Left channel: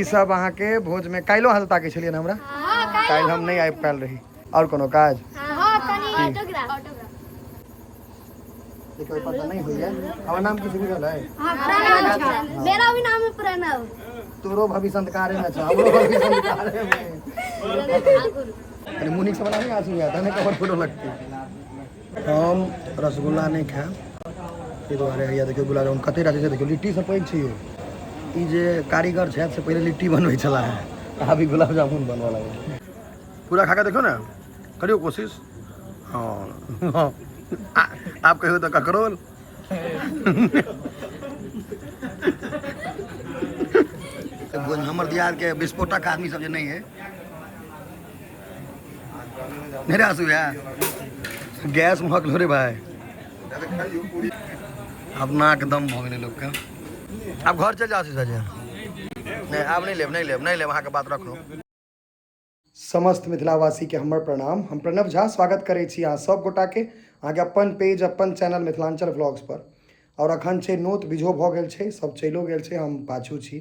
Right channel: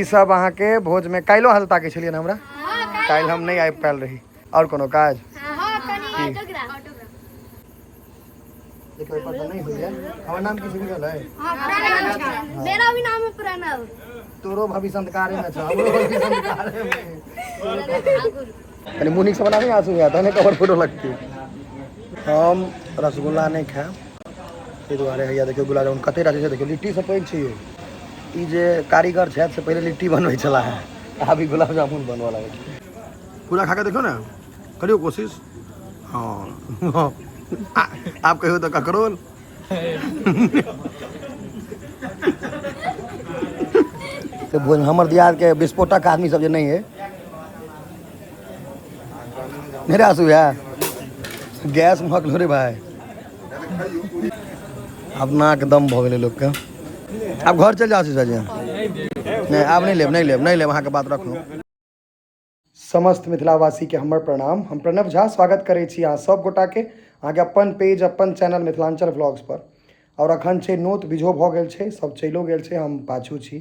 ई सब अहाँ के भोज में काल्हिओ हल्ता के छलियै हमरा काल्हि हम नहीं आबि पायल रही और कोनो काज देखो पता नहीं हुई है हमारा नाम किसी बुझल है मेरा भी नाम है प्रणव तोरो भाभी संस्कारे में छ हमरो भाभी संस्कारे में अरे मुनिक सब नहीं आंसू आता नहीं कवर फोटो लगती हम रसगुल्ला नहीं खाएब ताहि दुआरे हैया देखियो गुलाब जामुन कते राखै छै देखियो लिट्टी सब पैक छै यो ई जे कारीगर छथि से पहले लिट्टी बनबै छला है अभी गुलाब जामुन बनवा लागल पूरा खा के देखो ना करियो कोशिश हाँ आप कहो तो ककरोल तो बोल हमर दियाद के विस्फोटक आदमी सब जे नहीं है मेरे आंसू है गैस महक रे भाई अब नाक दम भ गेलै लोग के अब घर चल जाओ सीधा जी नहीं आप नहीं लेब अहाँ के बात रखलू समस्त मिथिलावासी के हमर प्रणाम हम प्रणव झा स्वागत करै छी अहाँ सब गोटा के अहाँ के अपन पेज अपन चैनल मिथिलांचल व्लॉग्स पर और अखन छै नोत बिझो भ गेल छै सब चलियो गेल छै हम पाछू छी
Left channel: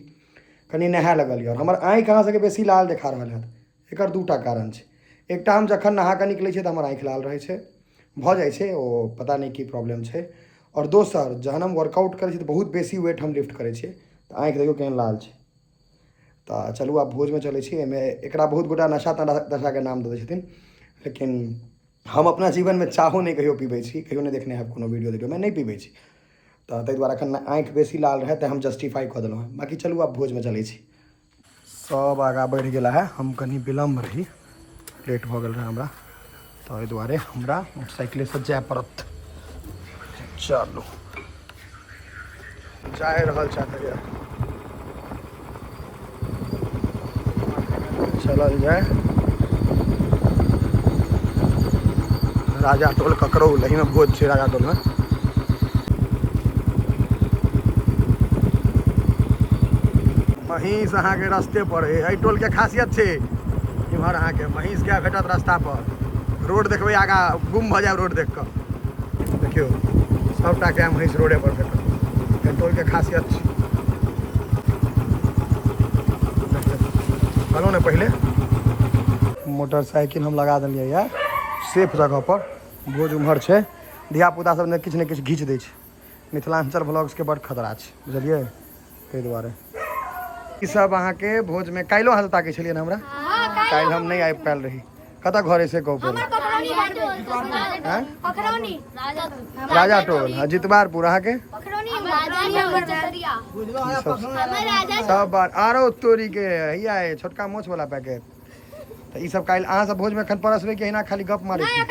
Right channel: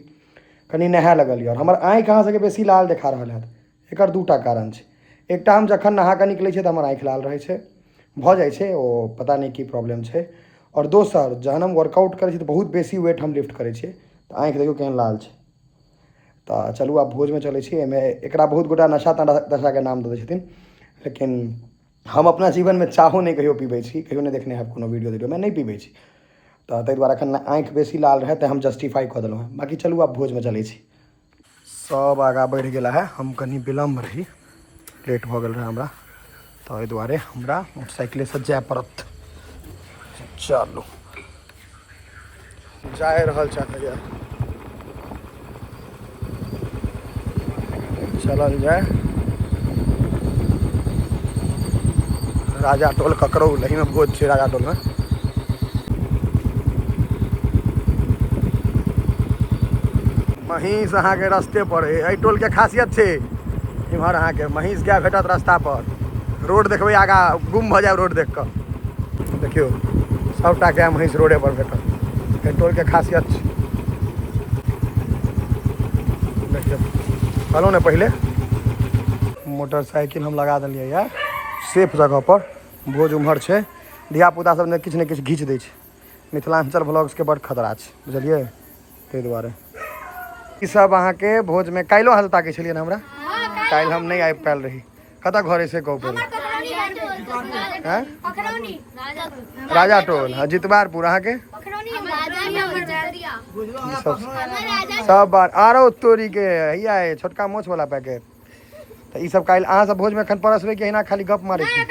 कनी नहाय लगल और हमर आँखि अहाँ सबके बेसी लाल देखा रहल है एकर दूटा कारण छै एकटा हम जखन नहा के निकलै छै तऽ हमर आँखि लाल रहै छै भऽ जाइ छै ओ पता नहीं की प्रॉब्लम छै और दोसर जहन हम वर्कआउट करै छी तऽ बहुत बेसी वेट हम लिफ्ट करै छियै तऽ आँखि देखियो केहन लाल छै तो चलू आब भोज में चले एकरा बहुत गोटा नशा तशा के नाम दे छथिन लेकिन हम अपना जीवन में चाहो नहीं कहियो पीबै छी कहियो नहीं देखने हैं कोनो वीडियो देखियो मैं नहीं पीबै छी तो ताहि दुआरे एखन आँखि बेसी लाल रहे तो हम जस्टिफाई कऽ देलहुँ हैं बाकी चलू आब भोज में चलै छी सब आगाँ बढ़ि गेला है हम कनी विलम्ब रही लेट भऽ गेल रहे हमरा ताहि दुआरे हमरा मोटरसाइकिले से जाय पड़त चलू जा रहल छथि चलल जाए राजा टोल ककरौल एही में भोज छै राजा टोल में महींस अहाँ के रस्ते पर है टोल के खासियत छै इम्हर अहाँ के महींस गाय भेटत रास्ता पर रोड देखबै आगा गुम भऽ जायब रोड देख कऽ देखियो सबटा गाय महींस रोडे पर भेटत टोल के खासियत छै कहलहुँ ने पहले मोटरसाइकिल हम लगा दिलियै यार सेफ जगह पर भोज उम्हर छै धियापुता सब ने किछु घीच दै छै मिथिलांचल व्लॉग्स के बड़ खतरा छै बुझलियै ताहि दुआरे ई सब अहाँ के भोज में काल्हिओ हल्ता के छलियै हमरा काल्हि हम नहीं आबि पायल रही कतऽ घर से कहू पहले राजा टोल हाँ जितवारपुर अहाँ के सब बार आरो तोरी के हैया छोटका मोछ वाला पैकेट तो ई सब काल्हि अहाँ सब भोज में एखन परसबै कि अहिना खाली गप मारै छी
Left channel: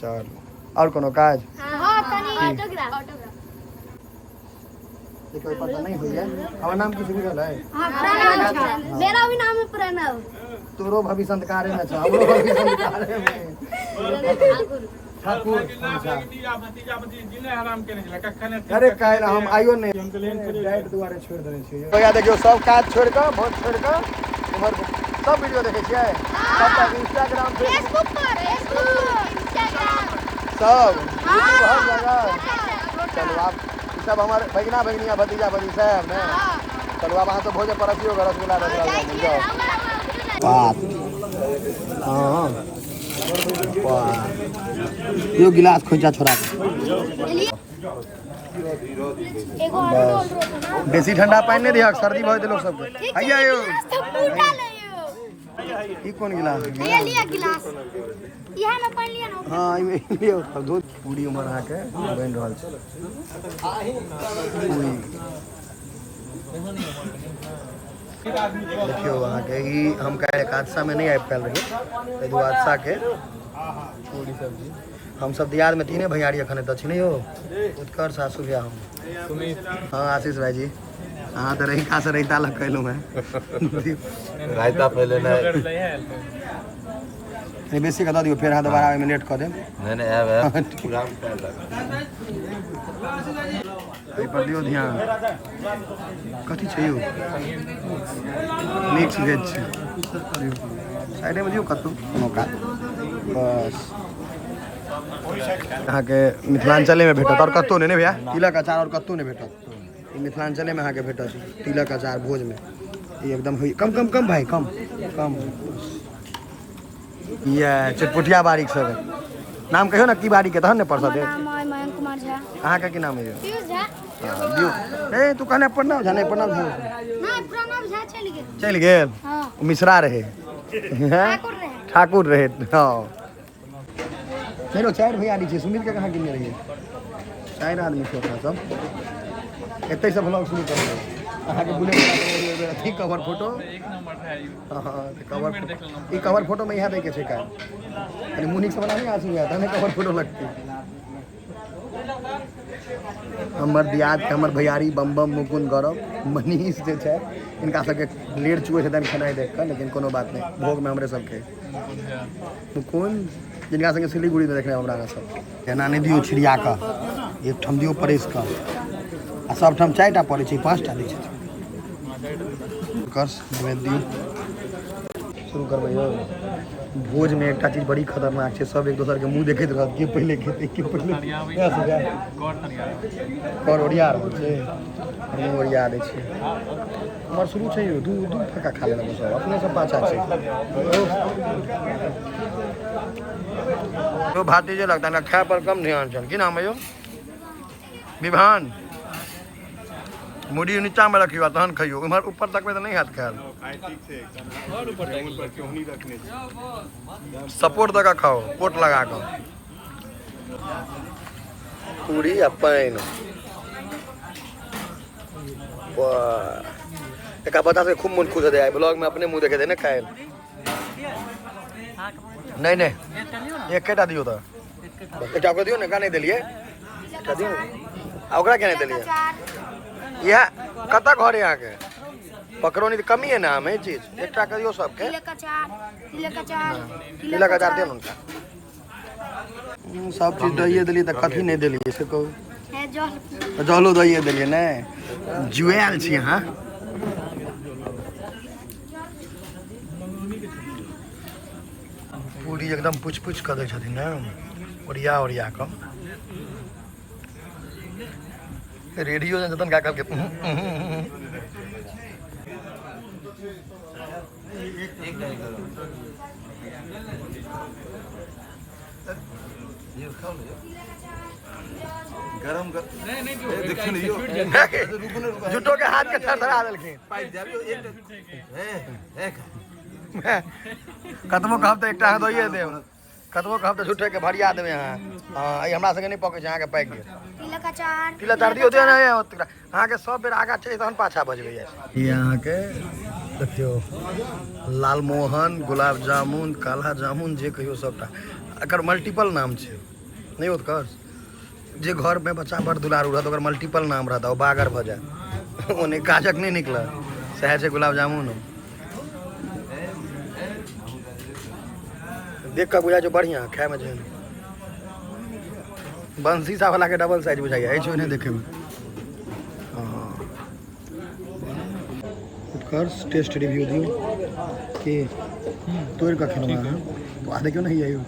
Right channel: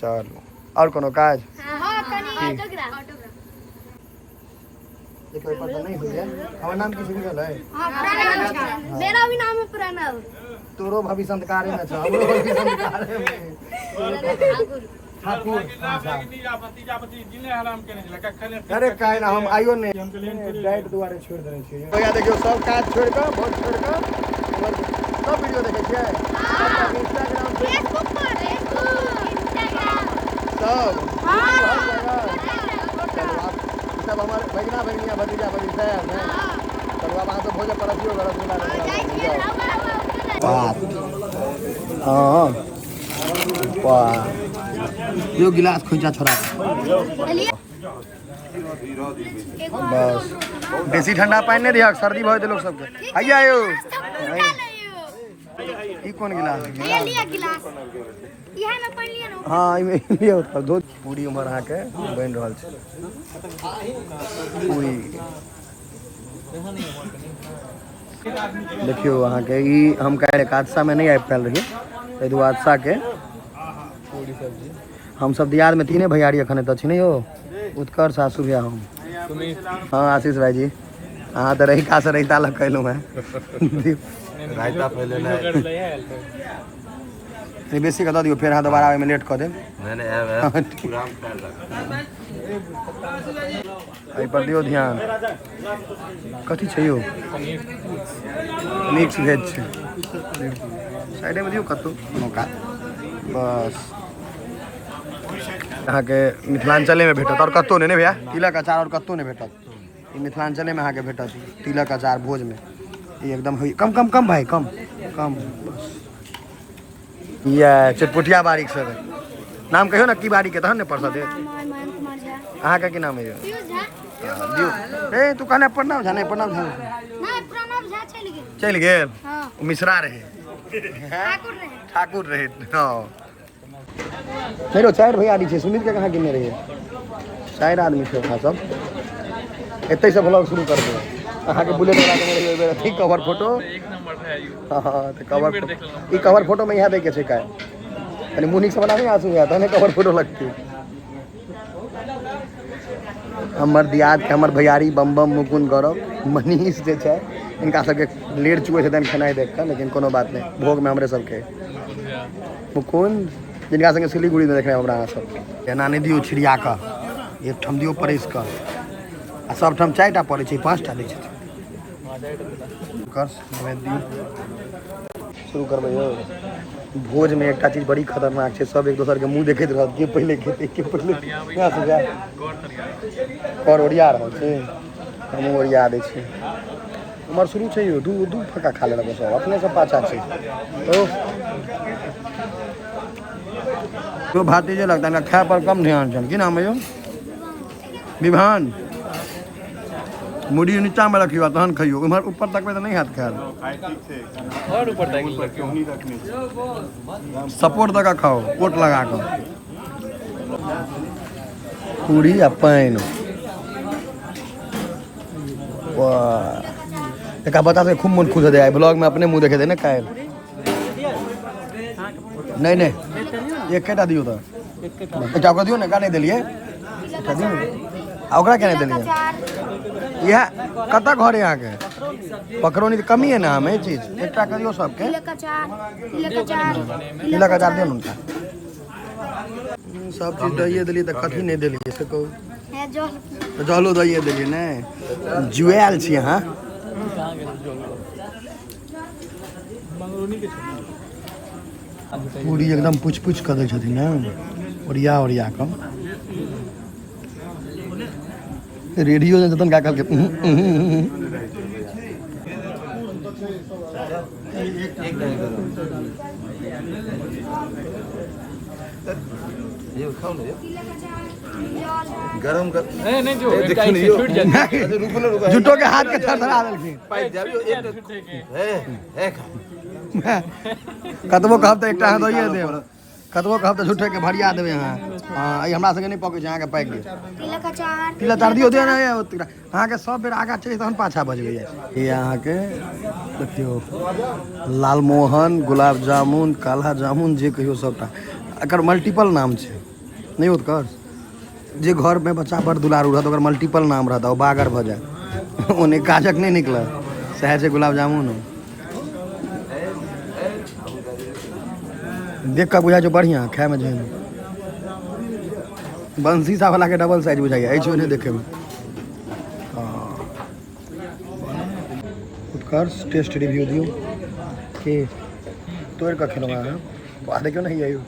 चलू और कोनो काज देखो पता नहीं हुई है हमारा नाम किसी बुझल है मेरा भी नाम है प्रणव तोरो भाभी संस्कारे में छ हमरो भाभी संस्कारे में ठाकुर अरे काल्हि हम आइयो नहीं डाइट दुआरे छोड़ देने छियै तो या देखियो सब काज छोड़ के बहुत छोड़ के उमर सब वीडियो देखे छियै इंस्टाग्राम फेसबुक पर इंस्टाग्राम सब सब हमारे भगना भगनिया भतीजा भतीजा है मैं चलो अब वहाँ तो भोज परसियो रसगुल्ला बात हाँ वाह यो गिलास खोजा छोड़ा बस बेसी ठंडा पानी नहीं दिया सर्दी बहुत लोग सबके आइया यो ई कौन गिलास ये लिया गिलास इहा में पानी लिया ना हां ई में लिया दूध पूरी उमर आ के बन रहल छै पूरी देखियो अहाँ के ई हम काल्हि हादसा में नहीं आबि पायल रही एहि दुआरे हादसा के पूरी सब्जी हम सब दियाद में तीने भैयारी अखन त छै नहीं हो उत्कर्ष आंसू भैया हम हाँ आशीष भाई जी अहाँ तो रही का से रहीता लग कहलूँ है रायता पहले नहीं बेसी का दियो फिर हाँ दोबारा में लेट कर दे पर दियो ध्यान कथी छै यो मिक्स वेज छै साइडे में दियो कतौ कोनो का बस अहाँ के मिथिलांचले में भेटत और कतौ नहीं भैया तिलक अचार और कतौ नहीं भेटत मिथिलांचल में अहाँके भेटत तिलक अचार भोज में एकदम कम कम कम भाई कम कम ये चटपुटिया बारीक सब नाम कहियो ना की बारी के तहन ने परसा दे मयंक कुमार झा। अहाँके की नाम है पीयूष झा। दियो ए तू कहने प्रणाम झा नहीं प्रणाम झा नहीं प्रणव झा चल गेल हाँ। मिश्रा रहे ठाकुर रहे। ठाकुर रहे हाँ चलो चार भैया आदमी छे सुनील के कहाँ गिने रहिए 4 आदमी छे सब एते से ब्लॉग शुरू कर दो अहाँके बुलेट वाला के बेर थी कवर फोटो एक नंबर है यू हां तो कवर फोटो में यहाँ दे के छै काय यानी मुनी से बनाने आसू आता है कवर फोटो लगती हमर दियाद के हमर भैयारी बम बम मुकुंद गौरव मनीष जे छै इनका सबके लेट चुए छथि खेनाइ देख कर लेकिन कोनो बात नहीं भोग में हमरे सबके मुकुंद जिनका संगे सिलीगुड़ी में देखने हमरा सब एना नहीं दियो छिड़िया का एक ठम दियो परेश का आ सब ठम 4टा पड़े छै 5टा दै छै कर दियो शुरू करबै यौ भोज में एक चीज बड़ी खतरनाक है सब एक दूसर के मुंह देखते रह के पहले खेते के पहले कर ओरिया रह छै मुंह ओरिया दै छै हमर शुरू छै यो दू फक्का खा लेला सब अपने सब पाछा छै ओ तो भाती जे लगता है खाए पर कम ध्यान चल की नाम है यो विभान मुड़ी नीचा में रखियो तहन खइयो उम्हर ऊपर तक में तो नहीं हाथ खायल और ऊपर तक सपोर्ट तक खाओ कोट लगा कर पूरी आ पाइन एक बता से खूब मन खुश हो जाए ब्लॉग में अपने मुंह देखे थे ना खाए नहीं नहीं एक केटा दियो तो एक ओकरा दियो ना का नहीं देलिए ओकरा क्या नहीं देलिए यह कतक घर यहाँ के पकड़ोनी तो कमी है ना हमें चीज एक करियो सबके तिलक अचार तिलक अचार दियो उनका सब चीज दइए दिलिए तो कथी नहीं दिलिए से कहू है जो जलो दइए दिलिए ने जुएल छी यहाँ पूरी एकदम पुछ पुछ कर दै छथिन ना ओरिया कम रेडियो में जतन का करके ये खाओ ना गरम कर नहीं जो देखो नहीं यो छूट जाता अच्छा रुको जुटो के हाथ के थरथरा देलखिन पाइप जाबियो एक है कतबो कहब त एकटा हाथ दइए देब कतबो कहब त झूठे के भरिया देबे हां हां ई हमरा संगे नहीं पकै छै अहाँ के पाइक दे तिलक अचार दियो दे ना अहाँ के सब बेर आगा चली तहन पाछा बजबै ई अहाँ के देखियो लालमोहन गुलाब जामुन काला जामुन जे कहियो सबटा एकर मल्टीपल नाम छै नहीं उत्कर्ष जे घर में बच्चा बड़ दुलारू रहत ओकर मल्टीपल नाम रहता ओ बागर भ जाए ओने काजक नहीं निकलत सह से गुलाब जामुन देख कर बुझा जो बढ़िया खाए में जो बंसी सा वाला के डबल साइज बुझाइए ऐसे नहीं देखे में उत्कर्ष टेस्ट रिव्यू दियो के तोड़ का खेलवा है बात क्यों नहीं आयो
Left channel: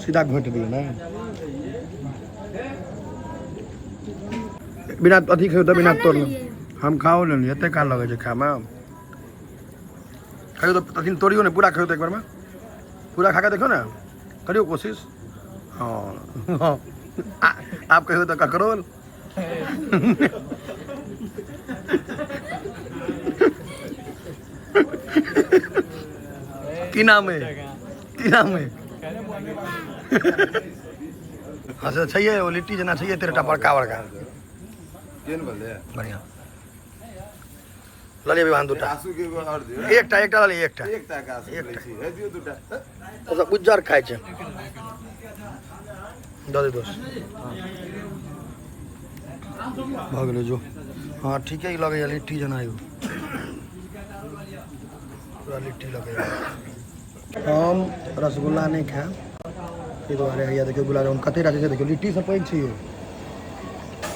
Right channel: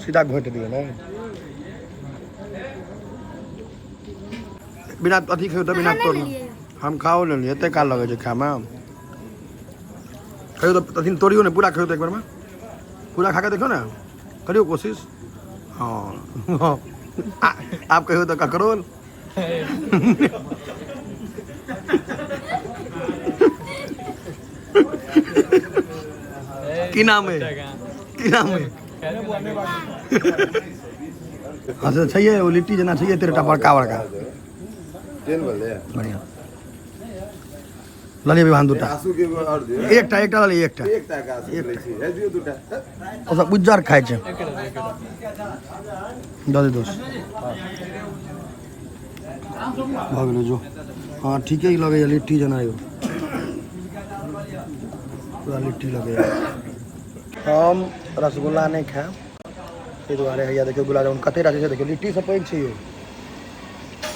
सीधा घोट दियो ना बिना अथी खेल तो बिना तोड़ हम खाओ ले लिए का लगे छै खाए में खाइयो तो अथी तोड़ियो ने पूरा खाइयो तो एक बार में पूरा खा के देखो ना करियो कोशिश हाँ आप कहियो तो ककरोल की नाम है अच्छा चाहिए वो लिट्टी जना चाहिए तेरे बड़का बढ़िया ललिए विभान दूटा एकटा ललिए एकटा सब उज्जर खाए छै दे दोस्त भऽ गेलै जो हाँ ठीके लगैए लिट्टी जना यौ पूरा लिट्टी लगैए हम रसगुल्ला नहीं खाएब ताहि दुआरे हैया देखियो गुलाब जामुन कते टा छै देखियो लिट्टी से पैघ छै यौ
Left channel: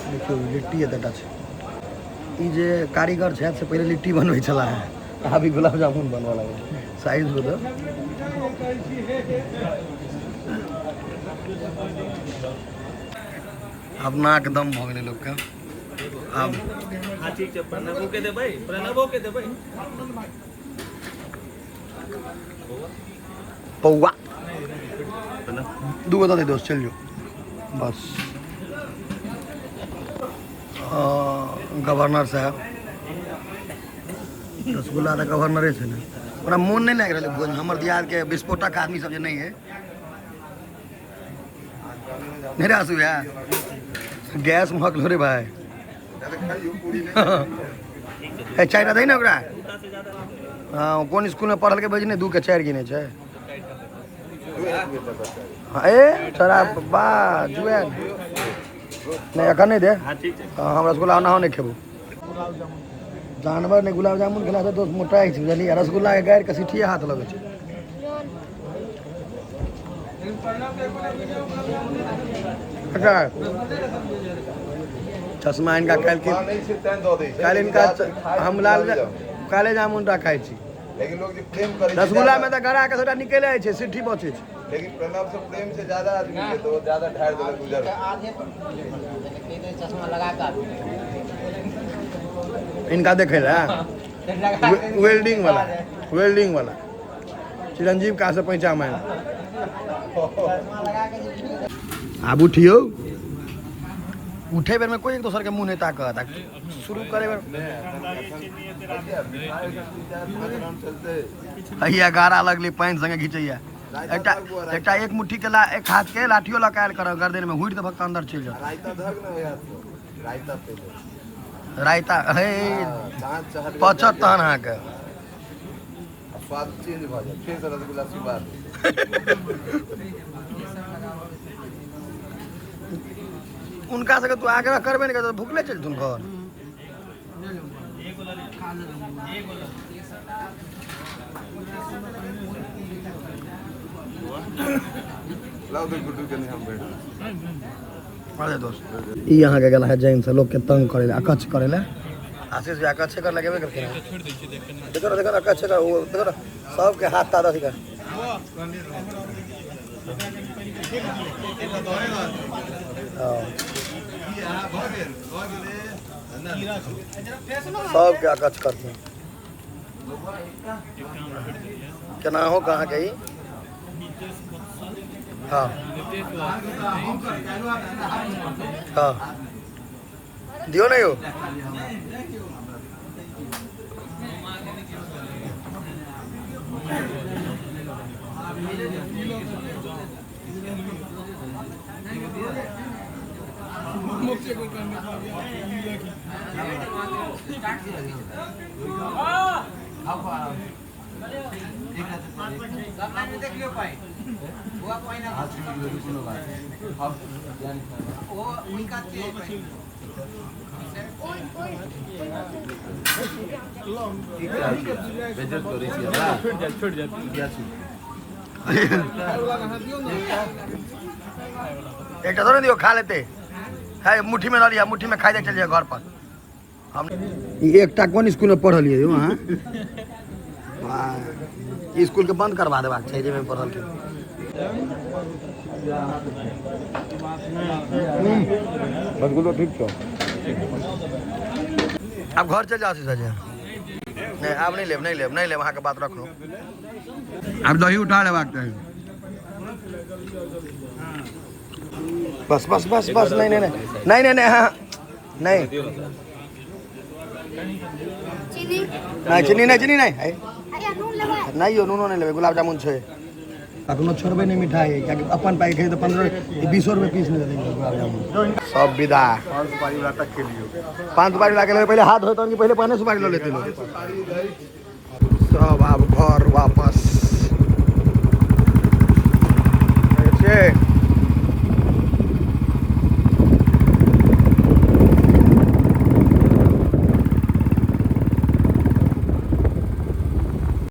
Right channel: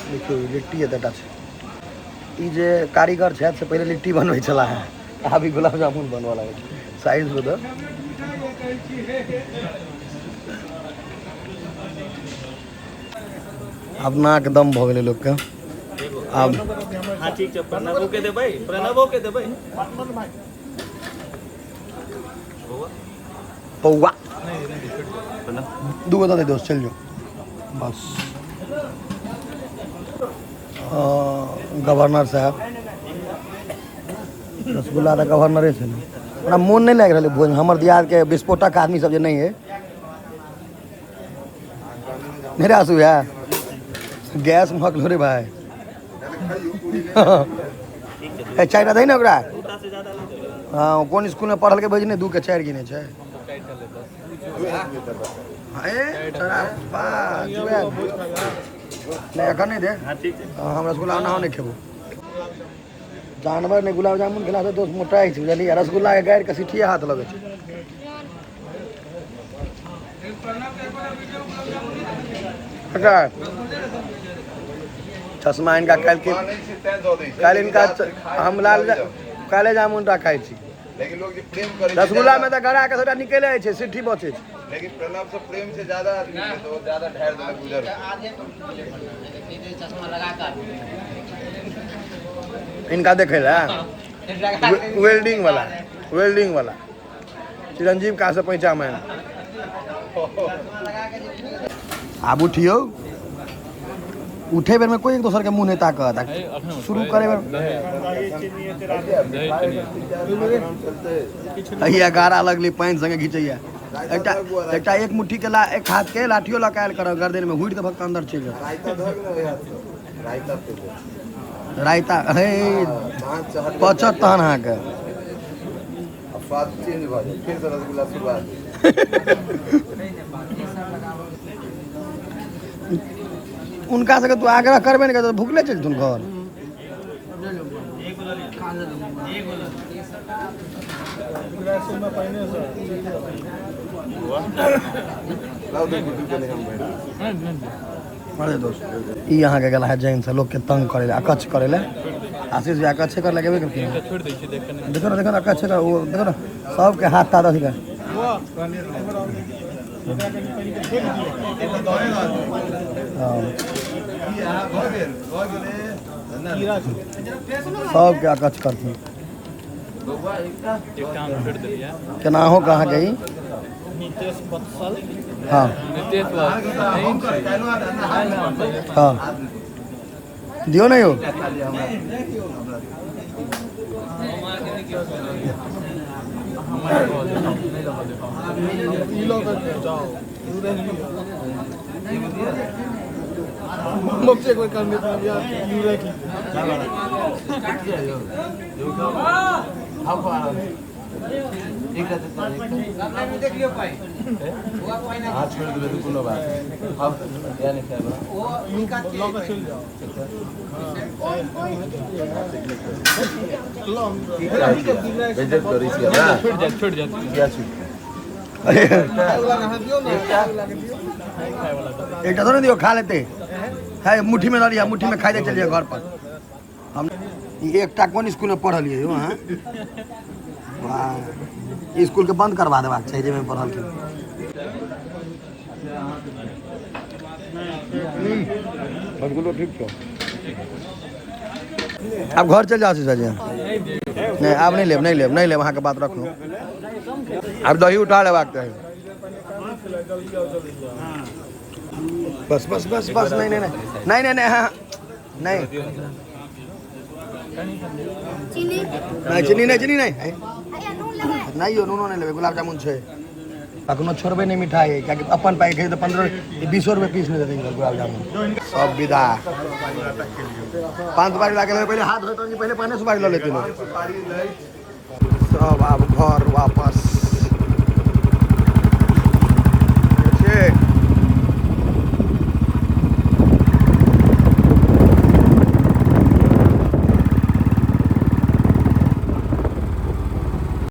देखियो लिट्टी एतटा छै ई जे कारीगर छथि से पहले लिट्टी बनबै छला है अभी गुलाब जामुन बनवा लगे साइज बता अब नाक दम भ गेलै लोक के अब हाँ ठीक है प्रणव के दे भाई प्रणव के दे भाई पौवा दू बता दे दोस्त चल जाओ बस गवर्नर साहब रसगुल्ला तो गवर्नरे से ना हमरा मोन नहीं लग रहा भोज हमर दियाद के विस्फोटक आदमी सब जो नहीं है मेरा आंसू है गैस महक लो रे भाई चाय दही ना ओकरा हाँ कौन स्कूल में पढ़ल के भेजने 2 के 4 गिने छे ए तोरा बा जुएन नहीं अखन नहीं दे हम रसगुल्ला ना नहीं खेबो जानवर ने गुलाब जामुन खिलाबे दोस्त मोटाई छै बुझलियै रसगुल्ला के गाड़ि के सिठिए हाथ लगे छै अच्छा चश्मा इनका कल इनका हम लाल काले जामुन रखाई छी लेकिन लोग जे प्रेम करे रसगुल्ला में तो गड़ा के थोड़ा निकल जाए छै सिट्ठी बचे छै लेकिन प्रणव से प्रेम से ज्यादा आदमी के तो ज्यादा ढार देलक गुजर इनका देखे ला वेल्डिंग वाला चिरंजीव कहाँ से पैसा मैं आब उठियो उठे बेर में कोई एक दोसर के मुंह नहीं ताकत शुरू करे बेर अहिया गारा लगली पानि संगे घिचैया एकटा एक मुट्ठी के एक हाथ के लाठियो लकायल कर गर्दन में हुइट भक्त अंदर चल जाता रायता पे रायता हे पचत तहन अहाँ के स्वाद चेंज भ जाय फिर से रसगुल्ला शुरुआत उनका से तू आग्रह करबे नहीं कर भूखले चल तुम घर लाओ दे गुड्डू के हम बैठ अरे दोस्त ई यहाँ के गला है जैन से लोग के तंग करे अकच्छ करे आशीष भी अकच्छ कर लगे करते हैं छोड़ दे छी देख देखो ना अकच्छ का वो देखो ना सब के हाथ तादा का सब के अकच्छ करते हैं एक काम छोड़ दिया केना हो कहाँ गई नीतीश बत्सल हाँ नितेश हाँ दियो नहीं हो मुझसे कोई करने का हाथ छोड़ के बिल्कुल बात अब यानी क्या वो बेइज्जत करी थी ना छोड़ जा क्या छूट एक थोड़ा दियो खा लेते है मुट्ठी में डालिए मुट्ठी में खाई दे चलिए घर पर हम एक कौन स्कूल में पढ़लिए वहाँ स्कूल के बंद करवा देबाक चाहिए में पढ़ल के रसगुल्लो ठीक छो अब घर चल जाओ सीधा जी नहीं अब नहीं लेब अहाँ के बात रख लो अब दही उठा लेबाक चाही बस नहीं हाँ नहीं चीनी नहीं नहीं हो नूनो नहीं लेबे गुलाब जामुन छे अखनो छोड़बे नहीं मिठाई क्या अपन पाई खाई तो 15-20 रुपए पीस में दे देंगे गुलाब जामुन सब विदा 5 सुपारी ला के पहले हाथ धोते कि पहले पाने सुपारी लो लेते लोग सब अब घर वापस